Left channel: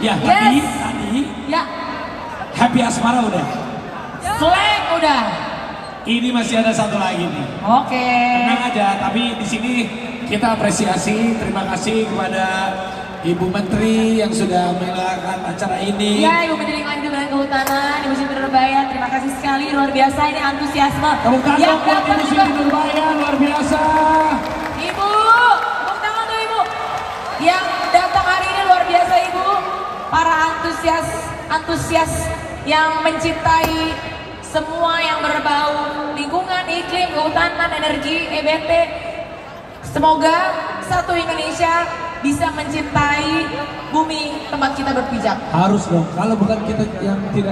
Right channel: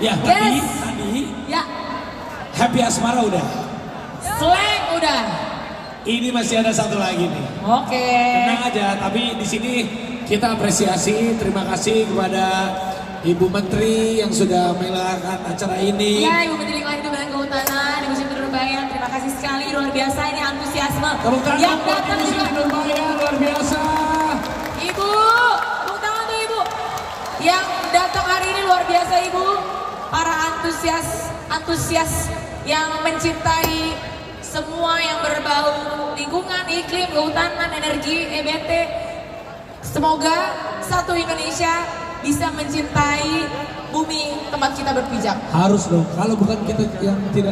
Ya, tadi Ya, Happy Asmara udah. Slang udah. Ini masih ada satu lagi nih. Oke. Tenang aja, tapi di sini kita apresiasi, terima kasih kepada Ibu Menteri yang sudah menyelenggarakan acara ini. Ya, Ibu Menteri Lingkungan Hidup dan Kehutanan, Ibu Siti Nurbaya, terima kasih sekali, luar biasa ini antusiasme. Tepuk tangan Yang buat datang Ibu juga. Siti Nurbaya, luar biasa. Ibu, tepuk tangan tuh Ibu. Yang datang hari ini luar biasa Ibu. Para antusias yang mencintai semua yang berbau lingkungan, iklim, kehutanan, energi, EBT. Semoga satu Indonesia bisa mencintai bumi tempat kita berpijak. Harus dong, kalau bukan kita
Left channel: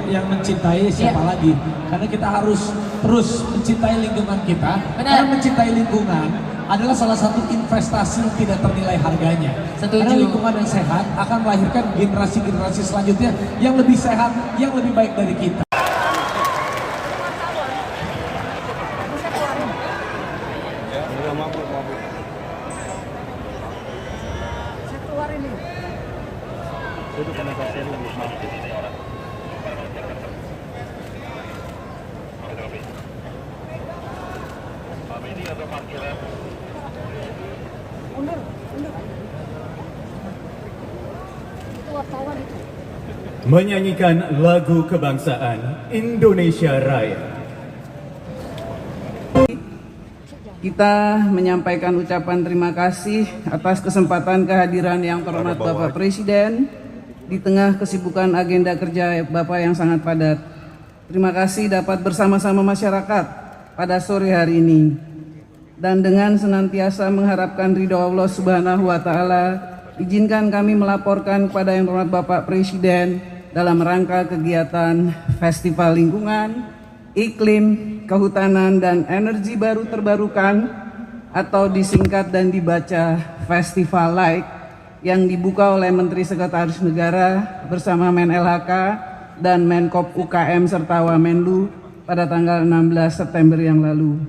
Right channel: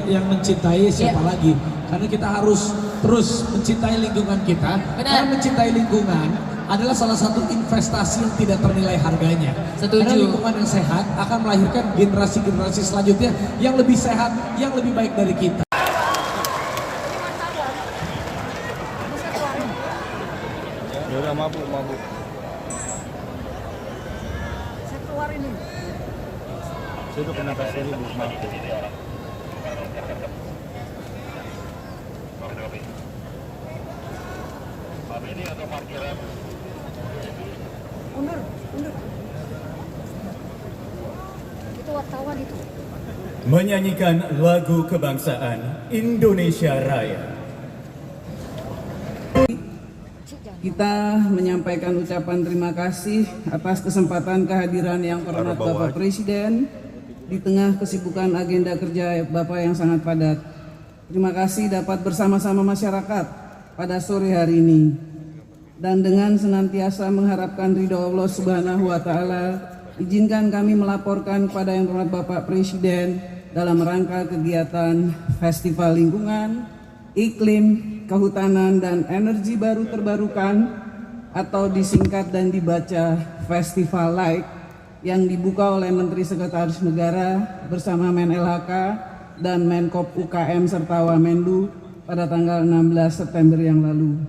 yang mencintai siapa lagi? Karena kita harus terus mencintai lingkungan kita. Karena mencintai lingkungan adalah salah satu investasi yang tidak ternilai harganya. Setuju. Karena lingkungan yang sehat akan melahirkan generasi-generasi selanjutnya yang lebih sehat, yang lebih baik dari kita. Menyanyikan lagu kebangsaan Indonesia Raya. Kita menyampaikan ucapan terima kasih atas kesempatan kehadiran yang terhormat Bapak Presiden di tengah kesibukan agenda kerja Bapak yang sangat padat. Terima kasih dapat bersama-sama masyarakat pada sore hari ini. Dan dengan senantiasa mengharapkan ridho Allah Subhanahu wa Ta'ala, izinkan kami melaporkan kepada yang terhormat Bapak Presiden dalam rangka kegiatan Festival Lingkungan, Iklim, Kehutanan, dan Energi Baru Terbarukan atau disingkat dan dibaca Festival Like yang dibuka oleh Menteri Sekretaris Negara bersama Men-LHK dan Menkop UKM serta Wamenlu pada tanggal 16 September yang lalu.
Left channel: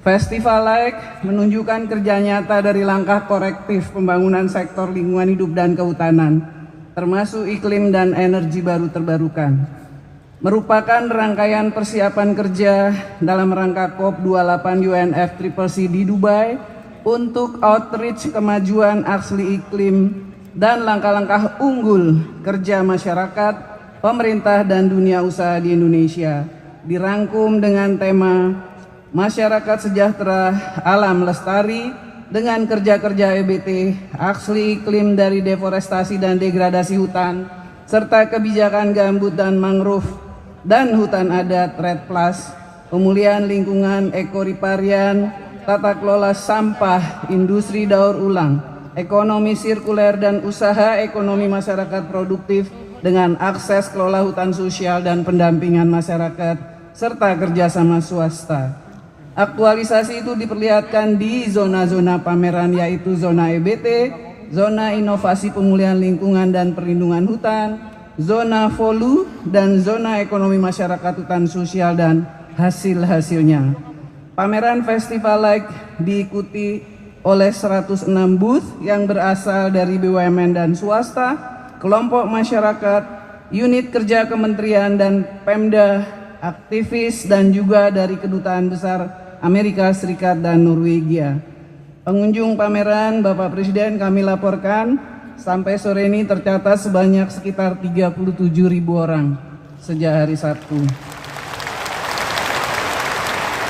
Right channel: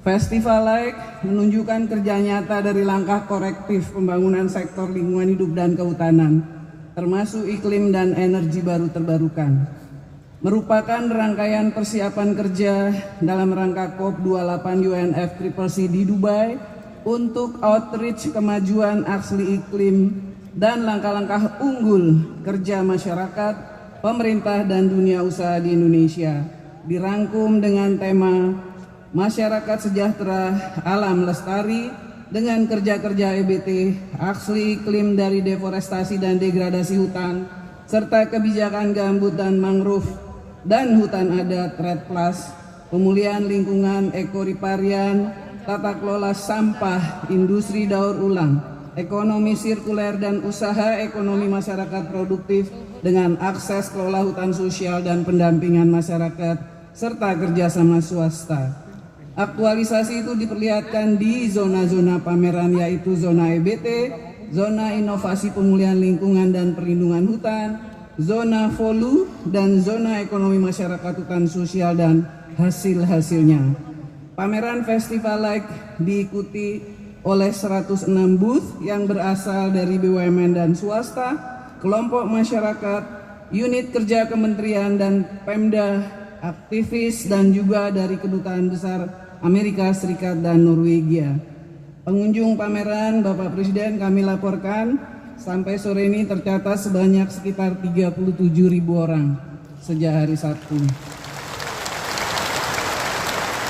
Festival Like menunjukkan kerja nyata dari langkah korektif pembangunan sektor lingkungan hidup dan kehutanan, termasuk iklim dan energi baru terbarukan. Merupakan rangkaian persiapan kerja dalam rangka COP28 UNFCCC di Dubai untuk outreach kemajuan aksi iklim dan langkah-langkah unggul kerja masyarakat, pemerintah, dan dunia usaha di Indonesia. Dirangkum dengan tema Masyarakat Sejahtera, Alam Lestari, dengan kerja-kerja EBT, aksi iklim dari deforestasi dan degradasi hutan, serta kebijakan gambut dan mangrove, dan hutan adat REDD+, pemulihan lingkungan, ekoriparian, tata kelola sampah, industri daur ulang, ekonomi sirkuler, dan usaha ekonomi masyarakat produktif dengan akses kelola hutan sosial dan pendampingan masyarakat, serta kerjasama swasta. Aktualisasi itu diperlihatkan di zona-zona pameran, yaitu zona EBT, zona inovasi pemulihan lingkungan dan perlindungan hutan, zona VOLU, dan zona ekonomi masyarakat hutan sosial dan hasil-hasilnya. Pameran Festival Like diikuti oleh 106 booth yang berasal dari BUMN dan swasta, kelompok masyarakat, unit kerja kementerian dan Pemda, aktivis, dan juga dari kedutaan besar Amerika Serikat dan Norwegia. Pengunjung pameran Bapak Presiden kami laporkan sampai sore ini tercatat sebanyak sekitar 37.000 orang sejak hari Sabtu.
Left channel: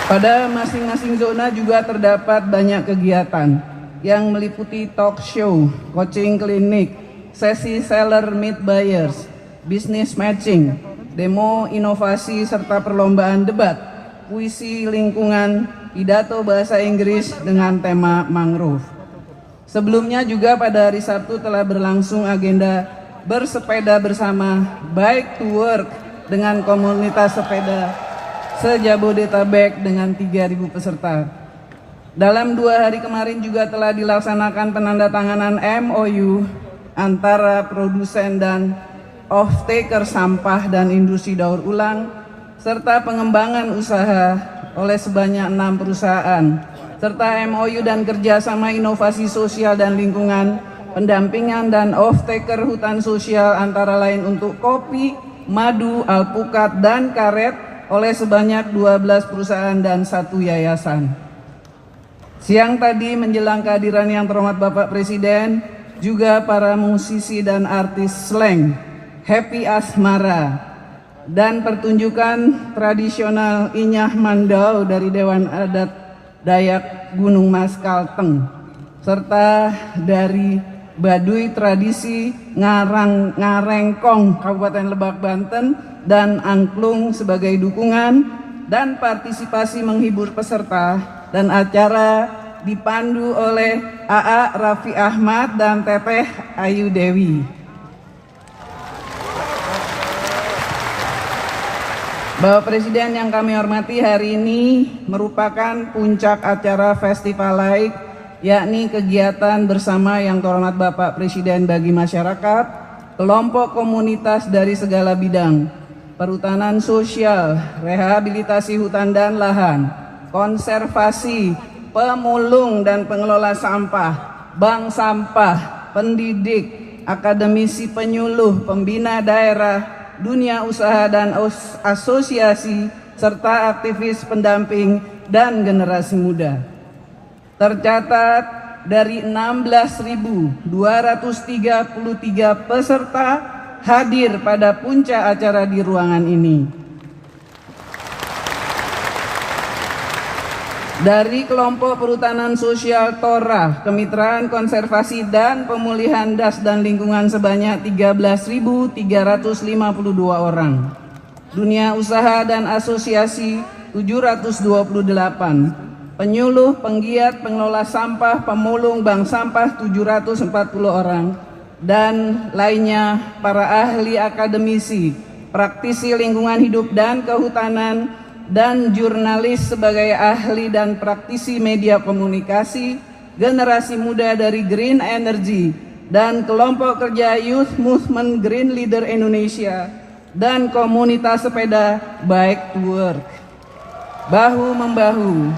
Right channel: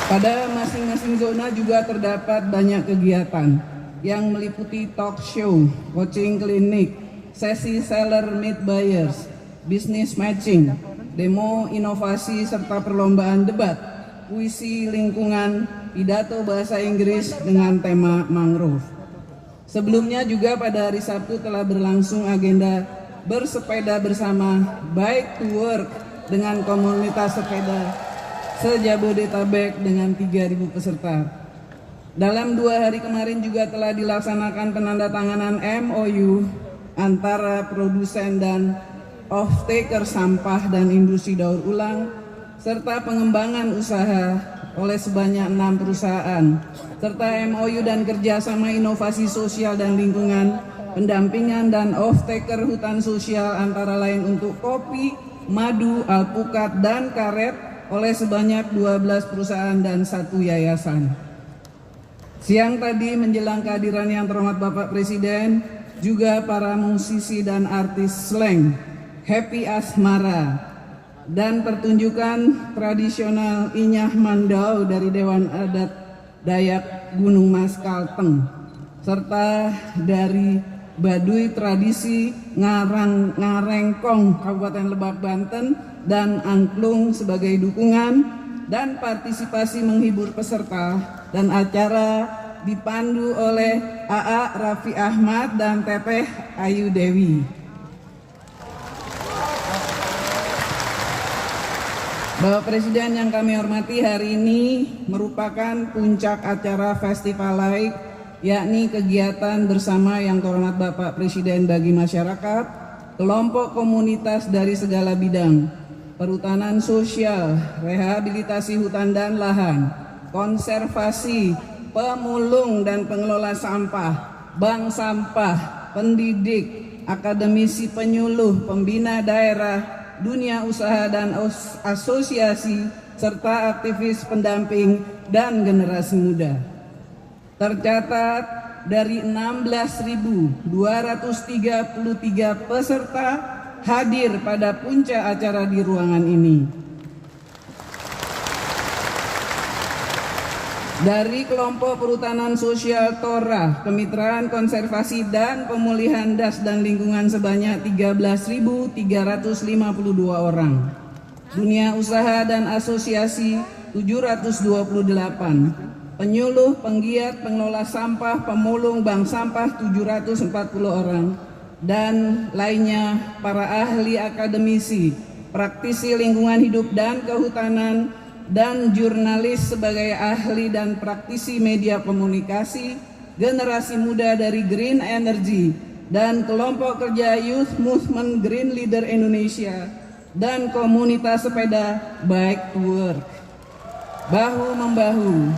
Pada masing-masing zona juga terdapat banyak kegiatan yang meliputi talk show, coaching klinik, sesi seller meet buyers, business matching, demo inovasi, serta perlombaan debat, puisi lingkungan, pidato bahasa Inggris dengan tema mangrove. Sebelumnya juga pada hari Sabtu telah berlangsung agenda bersepeda bersama Bike to Work dengan komunitas sepeda se-Jabodetabek dengan 3.000 peserta. Dalam 2 hari kemarin juga telah dilaksanakan penandatanganan MOU antara produsen dan off-taker sampah dan industri daur ulang, serta pengembangan usaha oleh sebanyak 6 perusahaan, serta MOU dan kerjasama inovasi sosial dan lingkungan pendampingan dan off-taker hutan sosial antara lain untuk kopi, madu, alpukat, dan karet oleh sebanyak 12 perusahaan dan 1 yayasan. Siang tadi menjelang kehadiran yang terhormat Bapak Presiden, juga para musisi dan artis slang, Happy Asmara, dan pertunjukan tradisional Inyah Mandau dari Dewan Adat Dayak Gunung Mas Kalteng, serta dari Baduy Tradisi Ngarengkong Kabupaten Lebak Banten dan Angklung sebagai dukungan dan partisipasi menghibur peserta, dan acara dipandu oleh AA Raffi Ahmad dan Teteh Ayu Dewi. Bapak Presiden yang kami hormati, hari ini merupakan puncak acara Festival Laik, yakni kegiatan bersama yang terhormat Bapak Presiden bagi masyarakat, kelompok komunitas dari segala bidang, perhutanan sosial, rehabilitasi hutan dan lahan, konservasi, pemulung dan pengelola sampah, bank sampah, pendidik, akademisi penyuluh, pembina daerah, dunia usaha dan asosiasi, serta aktivis pendamping dan generasi muda. Tercatat dari 16.233 peserta hadir pada puncak acara di ruangan ini. Dari kelompok perhutanan sosial Tora, kemitraan konservasi dan pemulihan das dan lingkungan sebanyak 13.352 orang. Dunia usaha dan asosiasi 728. Penyuluh, penggiat, pengelola sampah, pemulung, bank sampah 740 orang. Dan lainnya para ahli akademisi, praktisi lingkungan hidup dan kehutanan, dan jurnalis sebagai ahli dan praktisi media komunikasi, generasi muda dari Green Energy, dan kelompok kerja Youth Movement Green Leader Indonesia, dan komunitas sepeda Bike to Work. Bahu-membahu,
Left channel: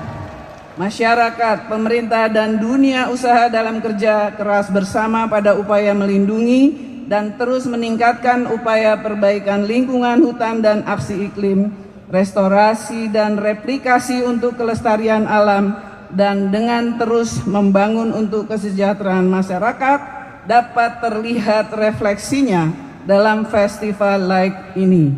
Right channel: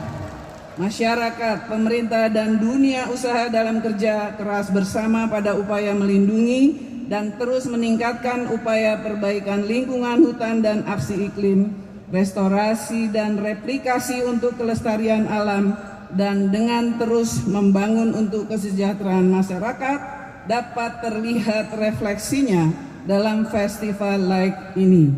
masyarakat, pemerintah, dan dunia usaha dalam kerja keras bersama pada upaya melindungi dan terus meningkatkan upaya perbaikan lingkungan hutan dan aksi iklim, restorasi dan replikasi untuk kelestarian alam, dan dengan terus membangun untuk kesejahteraan masyarakat dapat terlihat refleksinya dalam festival Laik ini.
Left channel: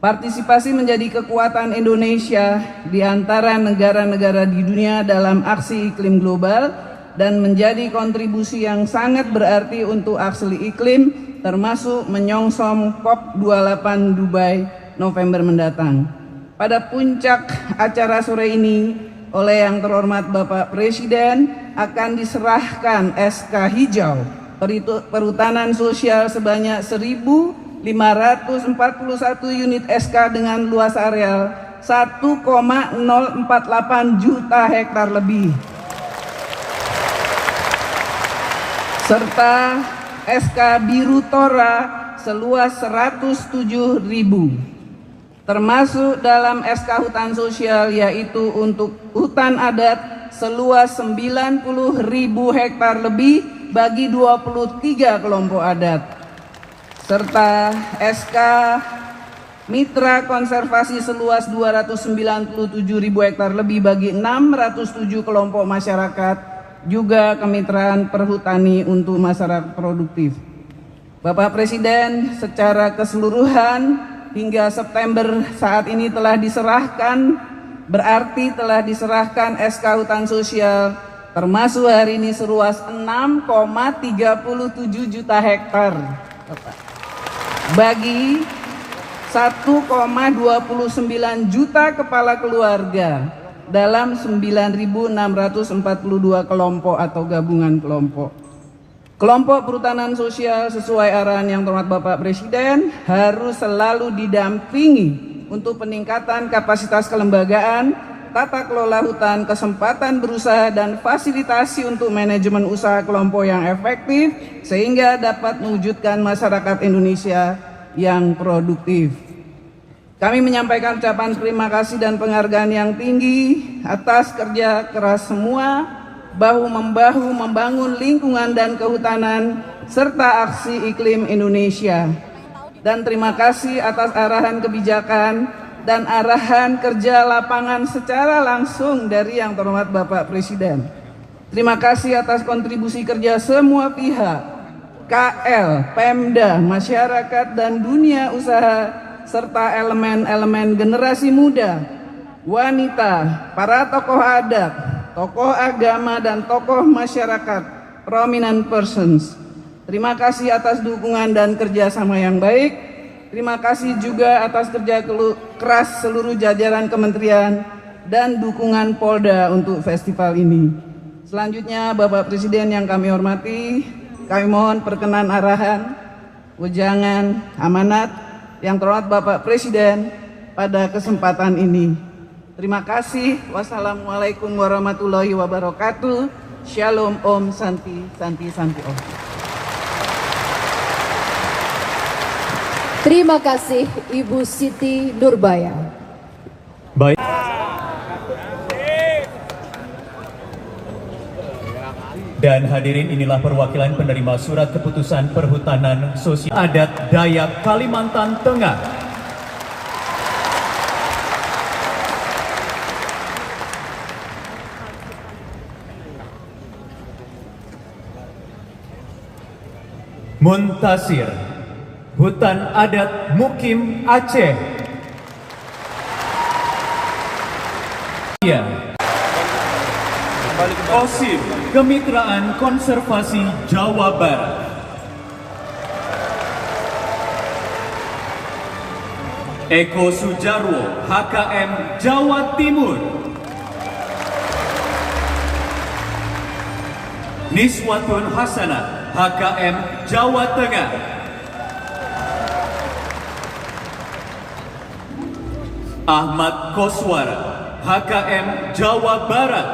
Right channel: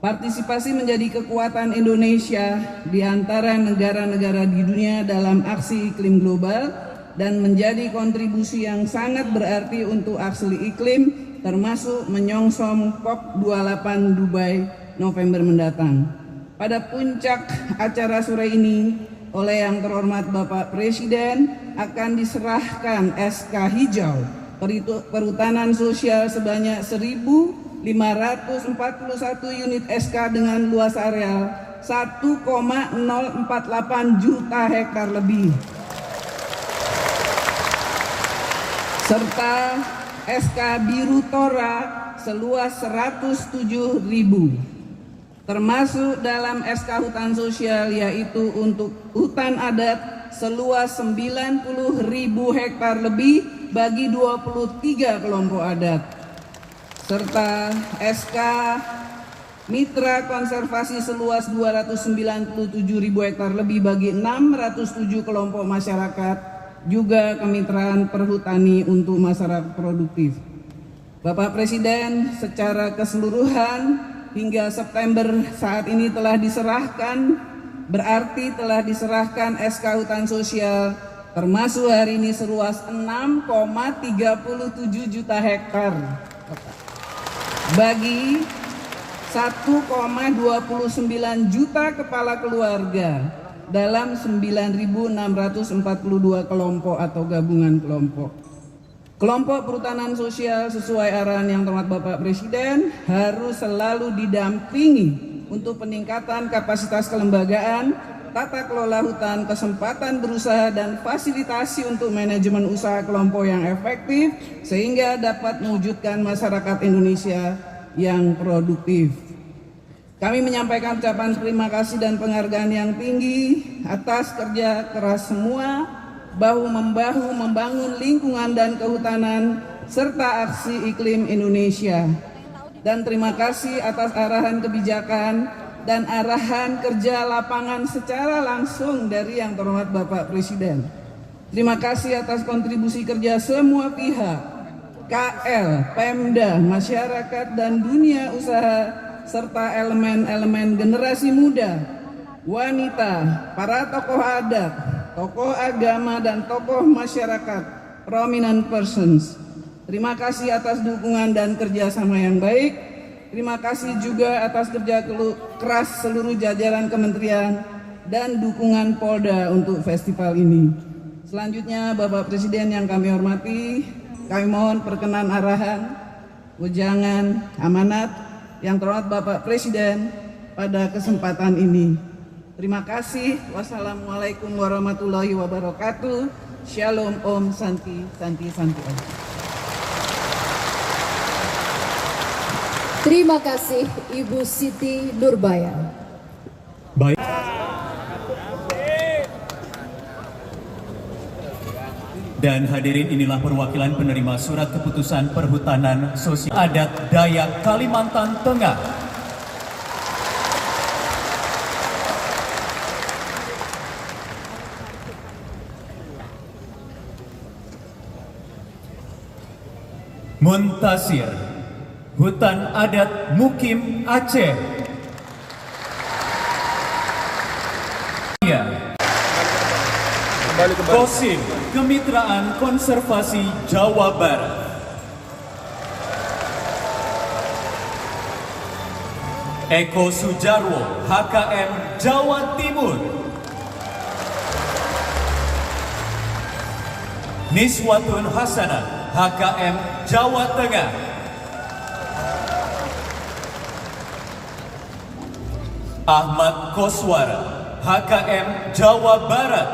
Partisipasi menjadi kekuatan Indonesia di antara negara-negara di dunia dalam aksi iklim global dan menjadi kontribusi yang sangat berarti untuk aksi iklim, termasuk menyongsong COP28 Dubai November mendatang. Pada puncak acara sore ini, oleh yang terhormat Bapak Presiden akan diserahkan SK hijau perhutanan sosial sebanyak 1.541 unit SK dengan luas areal 1,048 juta hektar lebih, serta SK biru Tora seluas 107.000. Termasuk dalam SK hutan sosial, yaitu untuk hutan adat seluas 90.000 hektar lebih bagi 23 kelompok adat, serta SK mitra konservasi seluas 297.000 hektar lebih bagi 607 kelompok masyarakat, juga kemitraan perhutani untuk masyarakat produktif. Bapak Presiden, secara keseluruhan hingga September saat ini telah diserahkan, berarti telah diserahkan SK hutan sosial termasuk hari ini seluas 6,37 juta hektar bagi 1,29 juta kepala keluarga dalam 9.642 kelompok atau gabungan kelompok. Kelompok perhutanan sosial sesuai arahan yang terhormat Bapak Presiden harus selalu didampingi untuk peningkatan kapasitas kelembagaan, tata kelola hutan, kesempatan berusaha, dan fasilitasi untuk manajemen usaha kelompok yang efektif sehingga dapat mewujudkan masyarakat Indonesia yang produktif. Kami menyampaikan ucapan terima kasih dan penghargaan yang tinggi atas kerja keras semua bahu-membahu membangun lingkungan dan kehutanan, serta aksi iklim Indonesia. Dan terima kasih atas arahan kebijakan dan arahan kerja lapangan secara langsung dari Yang Terhormat Bapak Presiden. Terima kasih atas kontribusi kerja semua pihak, KL, Pemda, masyarakat, dan dunia usaha, serta elemen-elemen generasi muda, wanita, para tokoh adat, tokoh agama, dan tokoh masyarakat, prominent persons. Terima kasih atas dukungan dan kerjasama yang baik. Terima kasih juga atas kerja keras seluruh jajaran kementerian dan dukungan Polda untuk festival ini. Selanjutnya, Bapak Presiden yang kami hormati, kami mohon perkenan arahan, wejangan, amanat yang terhormat Bapak Presiden pada kesempatan ini. Terima kasih. Wassalamualaikum warahmatullahi wabarakatuh. Shalom Om Santi Santi Santi Om. Terima kasih Ibu Siti Nurbaya. Baik. Dan hadirin, inilah perwakilan penerima surat keputusan perhutanan sosial adat Dayak Kalimantan Tengah. Muntasir, Hutan Adat Mukim Aceh. Kosim, Kemitraan Konservasi Jawa Barat. Eko Sujarwo, HKM Jawa Timur. Niswatun Hasanah, HKM Jawa Tengah. Ahmad Koswara, HKM Jawa Barat.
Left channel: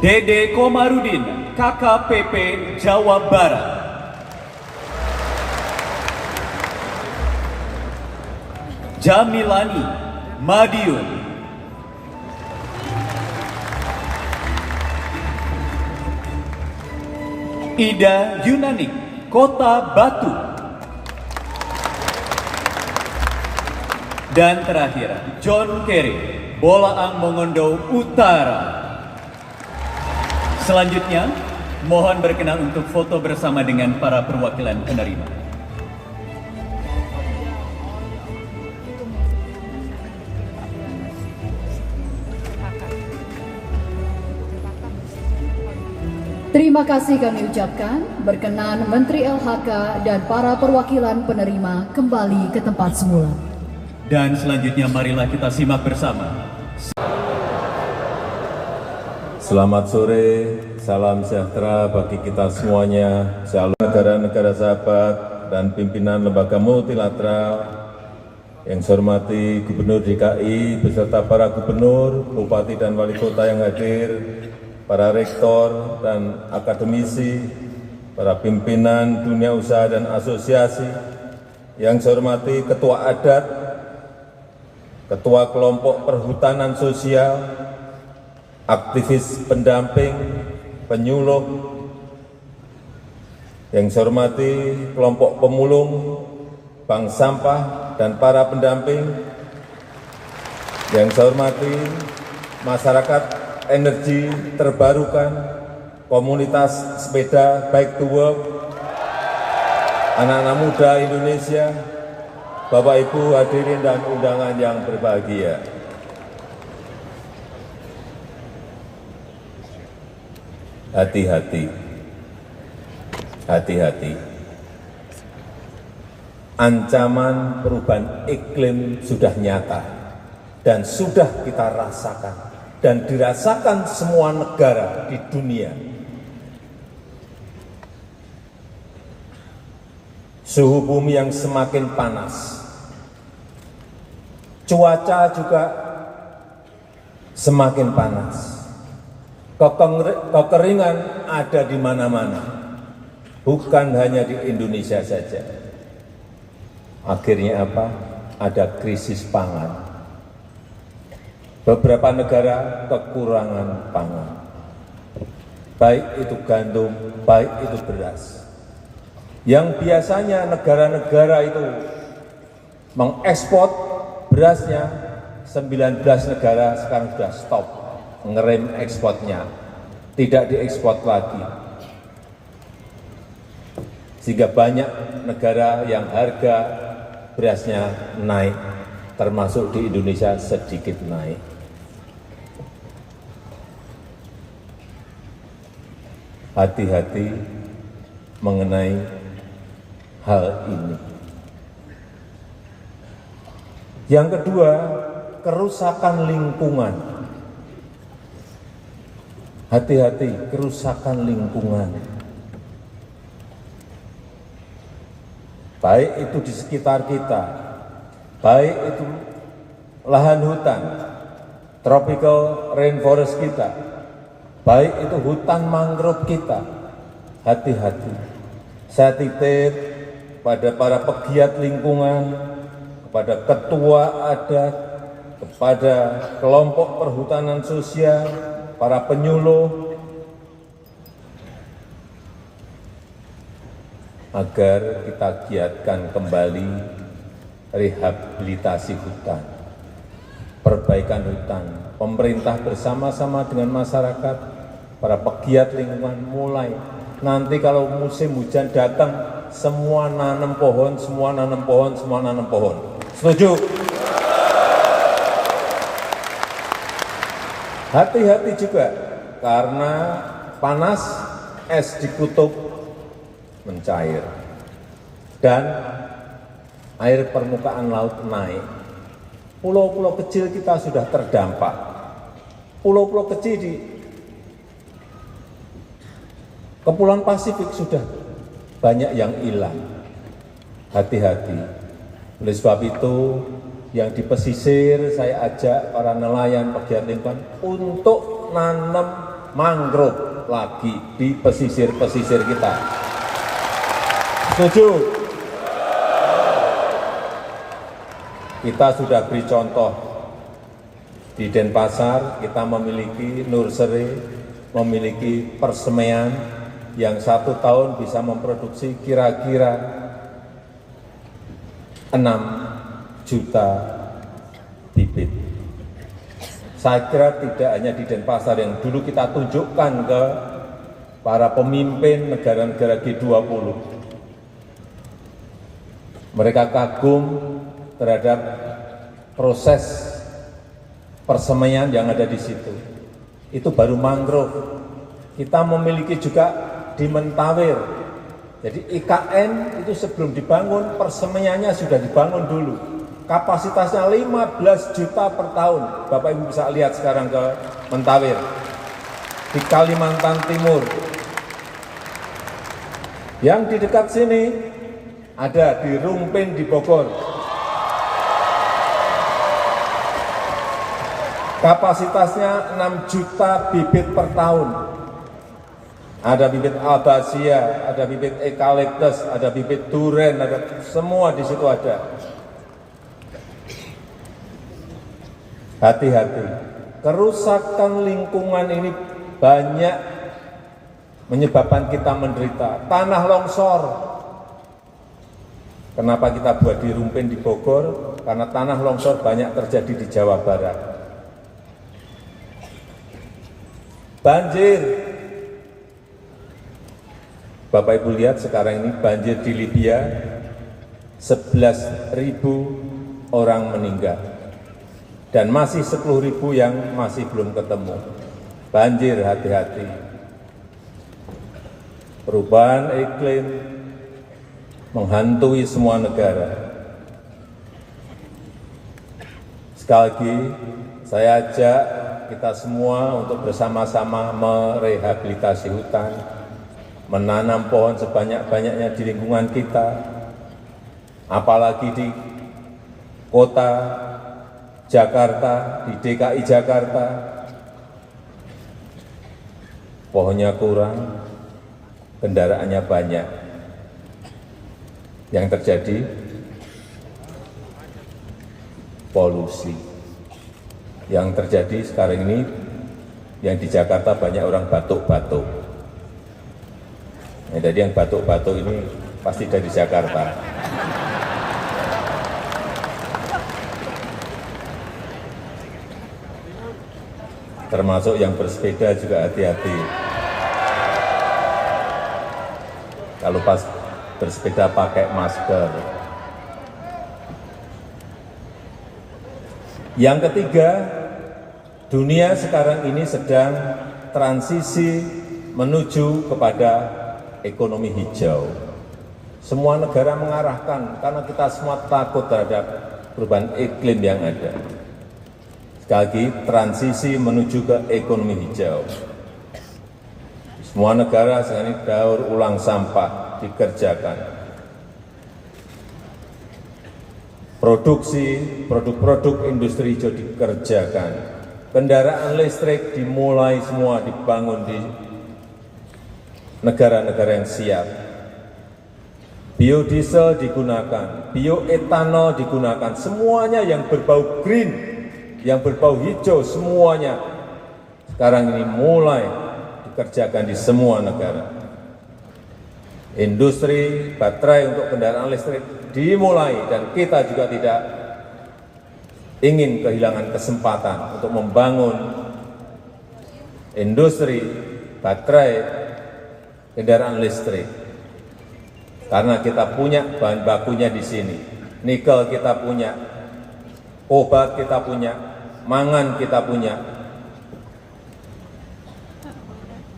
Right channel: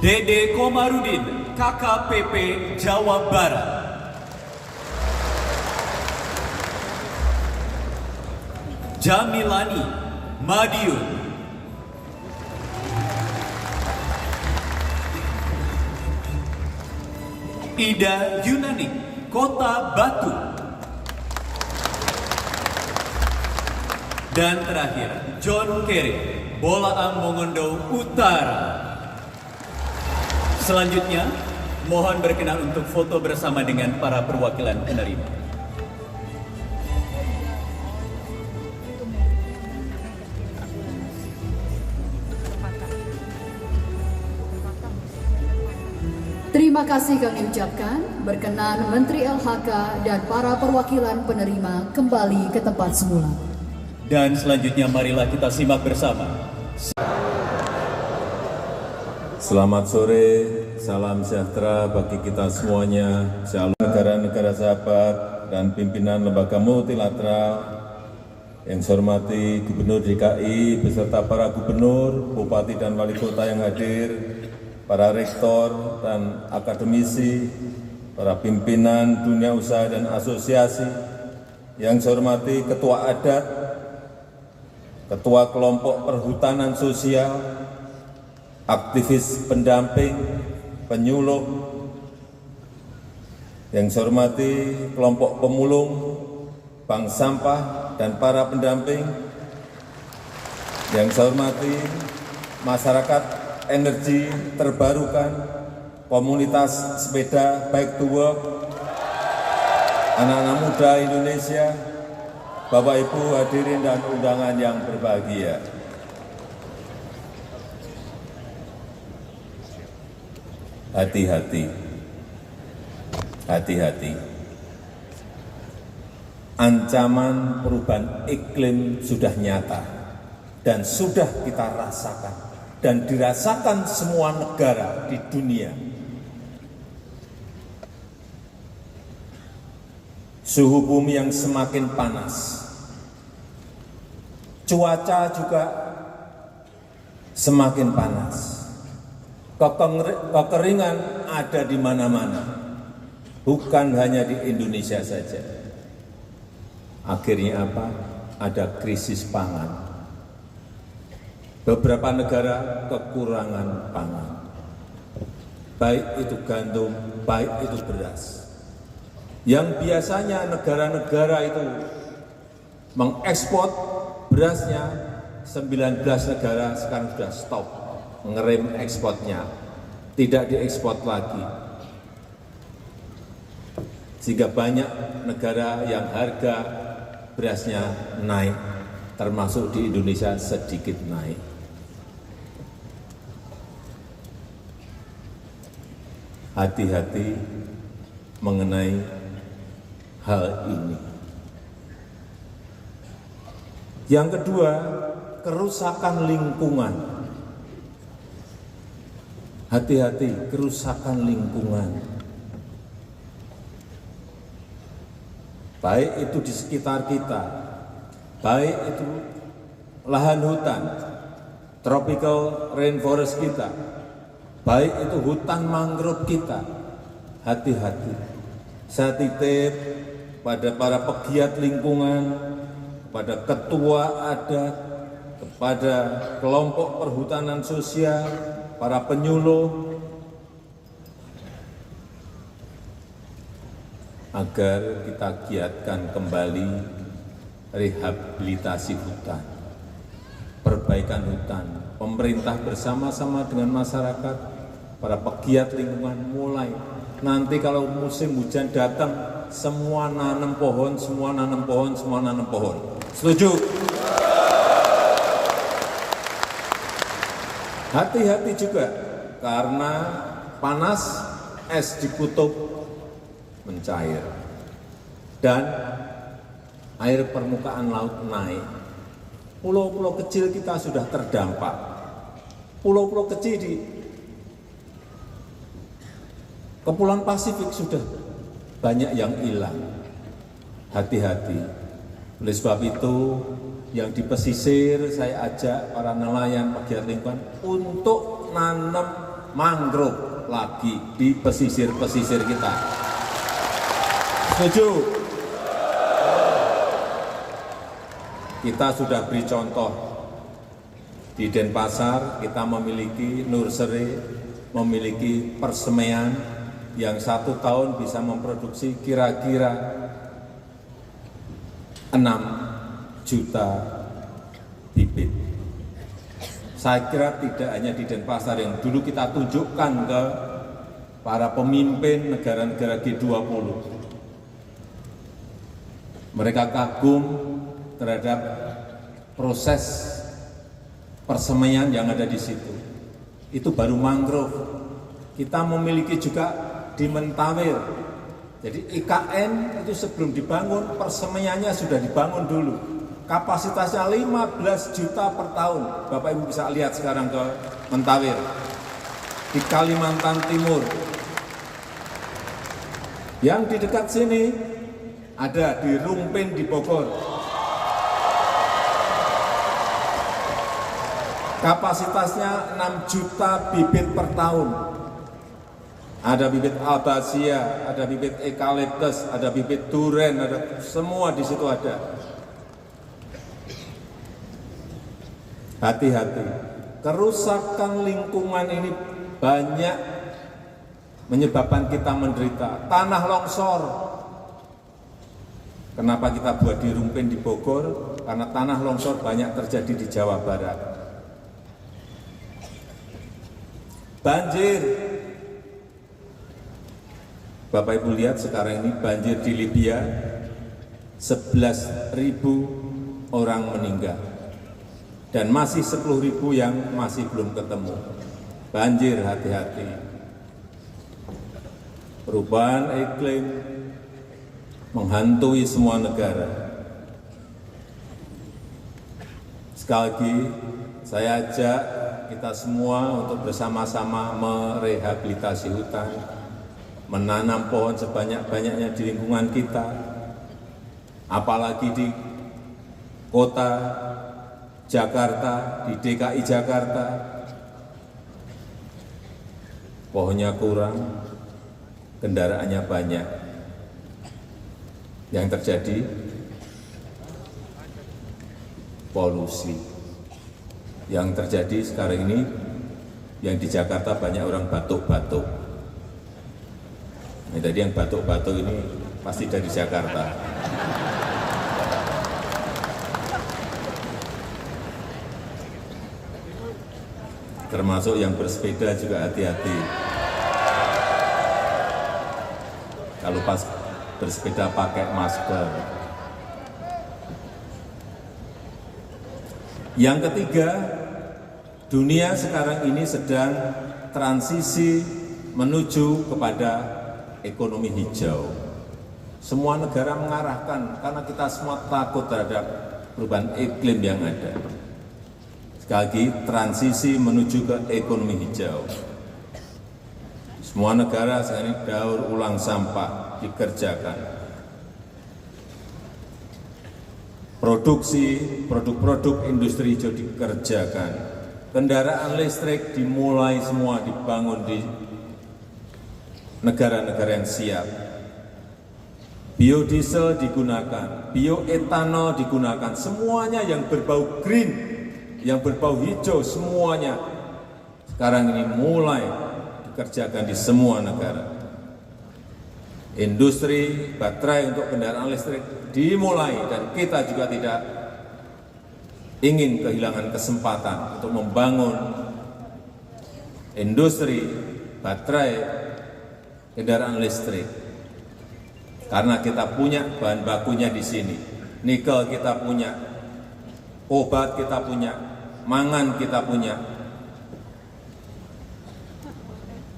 Dede Komarudin, KKPP Jawa Barat. Jamilani, Madiun. Ida Yunani, Kota Batu. Dan terakhir, John Kerry, Bolaang Mongondo Utara. Selanjutnya, mohon berkenan untuk foto bersama dengan para perwakilan penerima. Terima kasih kami ucapkan, berkenan Menteri LHK dan para perwakilan penerima kembali ke tempat semula. Dan selanjutnya marilah kita simak bersama. Selamat sore, salam sejahtera bagi kita semuanya, shalom negara-negara sahabat dan pimpinan lembaga multilateral yang saya hormati Gubernur DKI beserta para gubernur, bupati dan wali kota yang hadir, para rektor dan akademisi, para pimpinan dunia usaha dan asosiasi, yang saya hormati Ketua Adat, Ketua Kelompok Perhutanan Sosial, aktivis pendamping, penyuluh, yang saya hormati kelompok pemulung, bank sampah, dan para pendamping, yang saya hormati masyarakat energi terbarukan, komunitas sepeda Bike to Work, anak-anak muda Indonesia, Bapak Ibu hadirin dan undangan yang berbahagia. Hati-hati, hati-hati. Ancaman perubahan iklim sudah nyata dan sudah kita rasakan dan dirasakan semua negara di dunia. Suhu bumi yang semakin panas, cuaca juga semakin panas. Kekeringan ada di mana-mana, bukan hanya di Indonesia saja. Akhirnya apa? ada krisis pangan. Beberapa negara kekurangan pangan, baik itu gandum, baik itu beras. Yang biasanya negara-negara itu mengekspor berasnya, 19 negara sekarang sudah stop, ngerem ekspornya, tidak diekspor lagi. Sehingga banyak negara yang harga berasnya naik, termasuk di Indonesia sedikit naik. Hati-hati mengenai hal ini. Yang kedua, kerusakan lingkungan. Hati-hati, kerusakan lingkungan. Baik itu di sekitar kita, baik itu lahan hutan, tropical rainforest kita, baik itu hutan mangrove kita. Hati-hati. Saya titip pada para pegiat lingkungan, kepada ketua adat, kepada kelompok perhutanan sosial, para penyuluh, agar kita giatkan kembali rehabilitasi hutan, perbaikan hutan. Pemerintah bersama-sama dengan masyarakat, para pegiat lingkungan mulai. Nanti kalau musim hujan datang, semua nanam pohon, semua nanam pohon, semua nanam pohon. Setuju? Hati-hati juga, karena panas, es di kutub mencair, dan air permukaan laut naik. Pulau-pulau kecil kita sudah terdampak. Pulau-pulau kecil di Kepulauan Pasifik sudah banyak yang hilang. Hati-hati. Oleh sebab itu, yang di pesisir saya ajak para nelayan pegiat lingkungan untuk nanam mangrove lagi di pesisir-pesisir kita. Setuju? Kita sudah beri contoh. Di Denpasar kita memiliki nursery, memiliki persemaian yang 1 tahun bisa memproduksi kira-kira 6 juta bibit. Saya kira tidak hanya di Denpasar yang dulu kita tunjukkan ke para pemimpin negara-negara G20. Mereka kagum terhadap proses persemaian yang ada di situ. Itu baru mangrove. Kita memiliki juga di Mentawir. Jadi IKN itu sebelum dibangun, persemaiannya sudah dibangun dulu. Kapasitasnya 15 juta per tahun. Bapak Ibu bisa lihat sekarang ke Mentawir. Di Kalimantan Timur. Yang di dekat sini ada di Rumpin di Bogor. Kapasitasnya 6 juta bibit per tahun. Ada bibit albasia, ada bibit eukaliptus, ada bibit duren, ada semua di situ ada. Hati-hati. Kerusakan lingkungan ini banyak menyebabkan kita menderita. Tanah longsor. Kenapa kita buat di Rumpin di Bogor? Karena tanah longsor banyak terjadi di Jawa Barat. Banjir. Bapak Ibu lihat sekarang ini banjir di Libya, 11.000 orang meninggal. Dan masih 10.000 yang masih belum ketemu. Banjir, hati-hati. Perubahan iklim menghantui semua negara. Sekali lagi, saya ajak kita semua untuk bersama-sama merehabilitasi hutan, menanam pohon sebanyak-banyaknya di lingkungan kita, apalagi di kota Jakarta, di DKI Jakarta, pohonnya kurang, kendaraannya banyak. Yang terjadi polusi. Yang terjadi sekarang ini, yang di Jakarta banyak orang batuk-batuk. Nah, jadi yang batuk-batuk ini pasti dari Jakarta. Termasuk yang bersepeda juga hati-hati. Kalau pas bersepeda pakai masker. Yang ketiga, dunia sekarang ini sedang transisi menuju kepada ekonomi hijau. Semua negara mengarahkan karena kita semua takut terhadap perubahan iklim yang ada. Sekali lagi, transisi menuju ke ekonomi hijau. Semua negara sekarang ini daur ulang sampah dikerjakan. Produksi produk-produk industri hijau dikerjakan. Kendaraan listrik dimulai semua dibangun di negara-negara yang siap. Biodiesel digunakan, bioetanol digunakan, semuanya yang berbau green, yang berbau hijau, semuanya sekarang ini mulai dikerjakan di semua negara. Industri baterai untuk kendaraan listrik dimulai dan kita juga tidak ingin kehilangan kesempatan untuk membangun industri baterai kendaraan listrik. Karena kita punya bahan bakunya di sini, nikel kita punya, obat kita punya, mangan kita punya.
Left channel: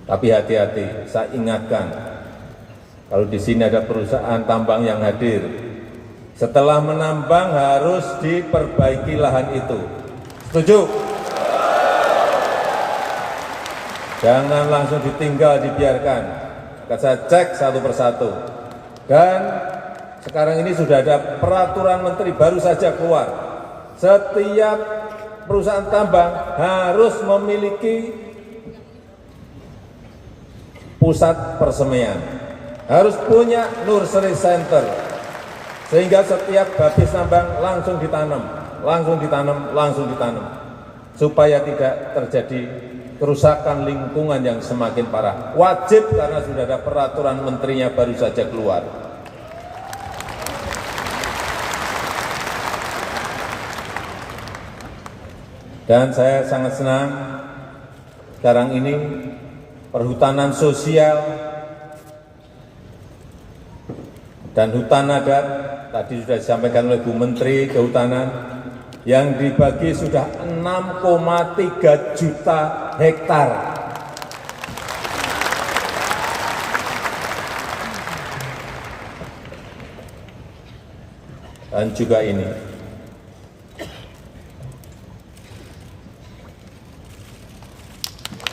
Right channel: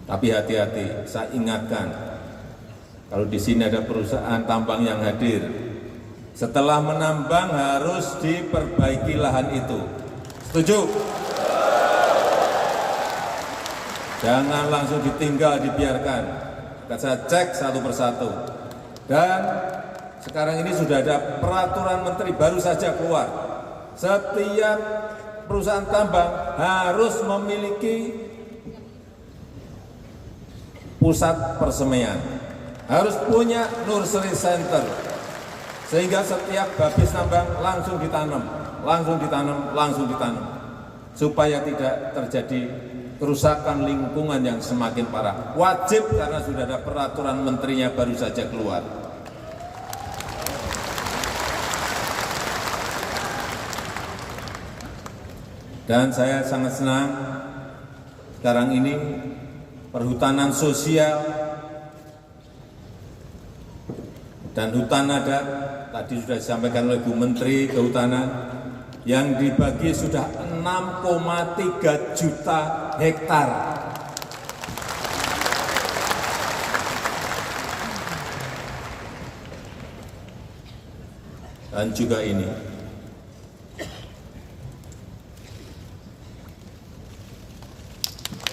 Tapi hati-hati, saya ingatkan, kalau di sini ada perusahaan tambang yang hadir, setelah menambang harus diperbaiki lahan itu. Setuju? Jangan langsung ditinggal, dibiarkan. Saya cek satu persatu. Dan sekarang ini sudah ada peraturan menteri baru saja keluar. Setiap perusahaan tambang harus memiliki pusat persemaian, harus punya nursery center, sehingga setiap habis tambang langsung ditanam, langsung ditanam, supaya tidak terjadi kerusakan lingkungan yang semakin parah. Wajib karena sudah ada peraturan menterinya baru saja keluar. Dan saya sangat senang sekarang ini perhutanan sosial dan hutan adat tadi sudah disampaikan oleh Bu Menteri Kehutanan yang dibagi sudah 6,3 juta hektar. Dan juga ini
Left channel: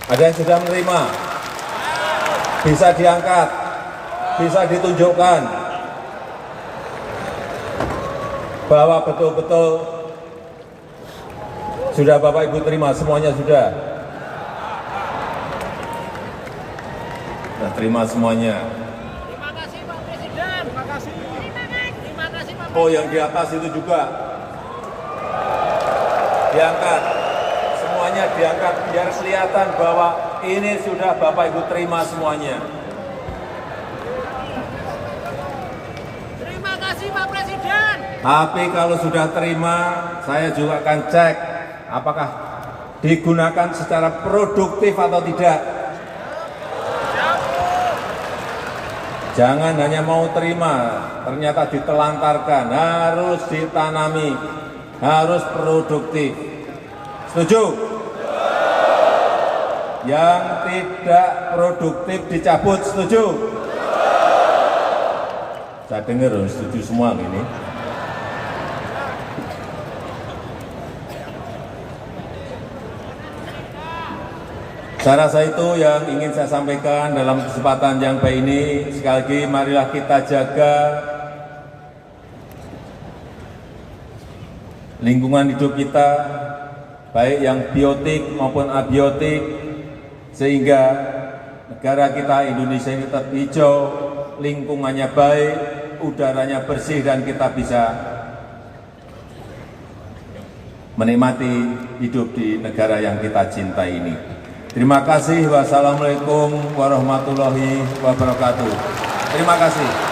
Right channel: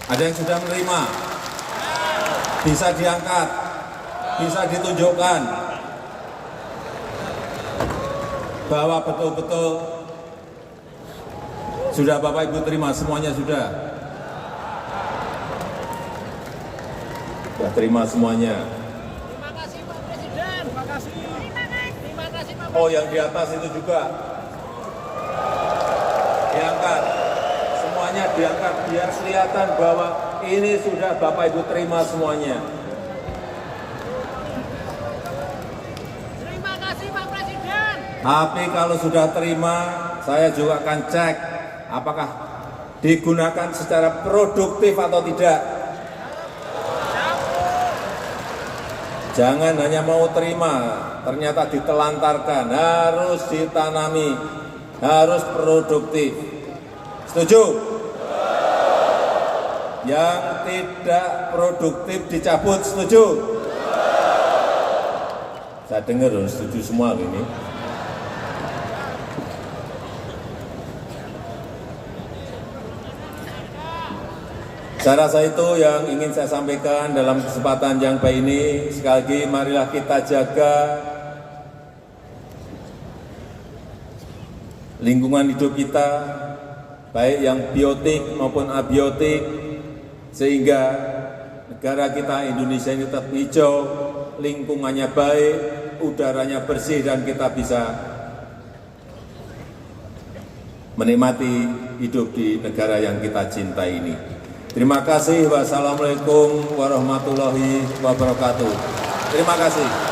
ada yang sudah menerima, bisa diangkat, bisa ditunjukkan bahwa betul-betul sudah Bapak Ibu terima, semuanya sudah terima semuanya. Terima kasih Pak Presiden. Terima kasih. Terima kasih Pak. Oh, yang di atas itu juga diangkat, semuanya diangkat biar kelihatan bahwa ini sudah Bapak Ibu terima semuanya. Terima kasih Pak Presiden. Tapi kalau sudah terima, saya juga akan cek apakah digunakan secara produktif atau tidak. Jangan hanya mau terima, ternyata ditelantarkan, harus ditanami, harus produktif. Setuju? Yang tidak produktif dicabut, setuju? Saya dengar setuju semua ini. Saya rasa itu yang ingin saya sampaikan dalam kesempatan yang baik ini. Sekali lagi, marilah kita jaga lingkungan hidup kita, baik yang biotik maupun abiotik, sehingga negara kita Indonesia ini tetap hijau, lingkungannya baik, udaranya bersih, dan kita bisa menikmati hidup di negara yang kita cintai ini. Terima kasih. Wassalamualaikum warahmatullahi wabarakatuh. Terima kasih.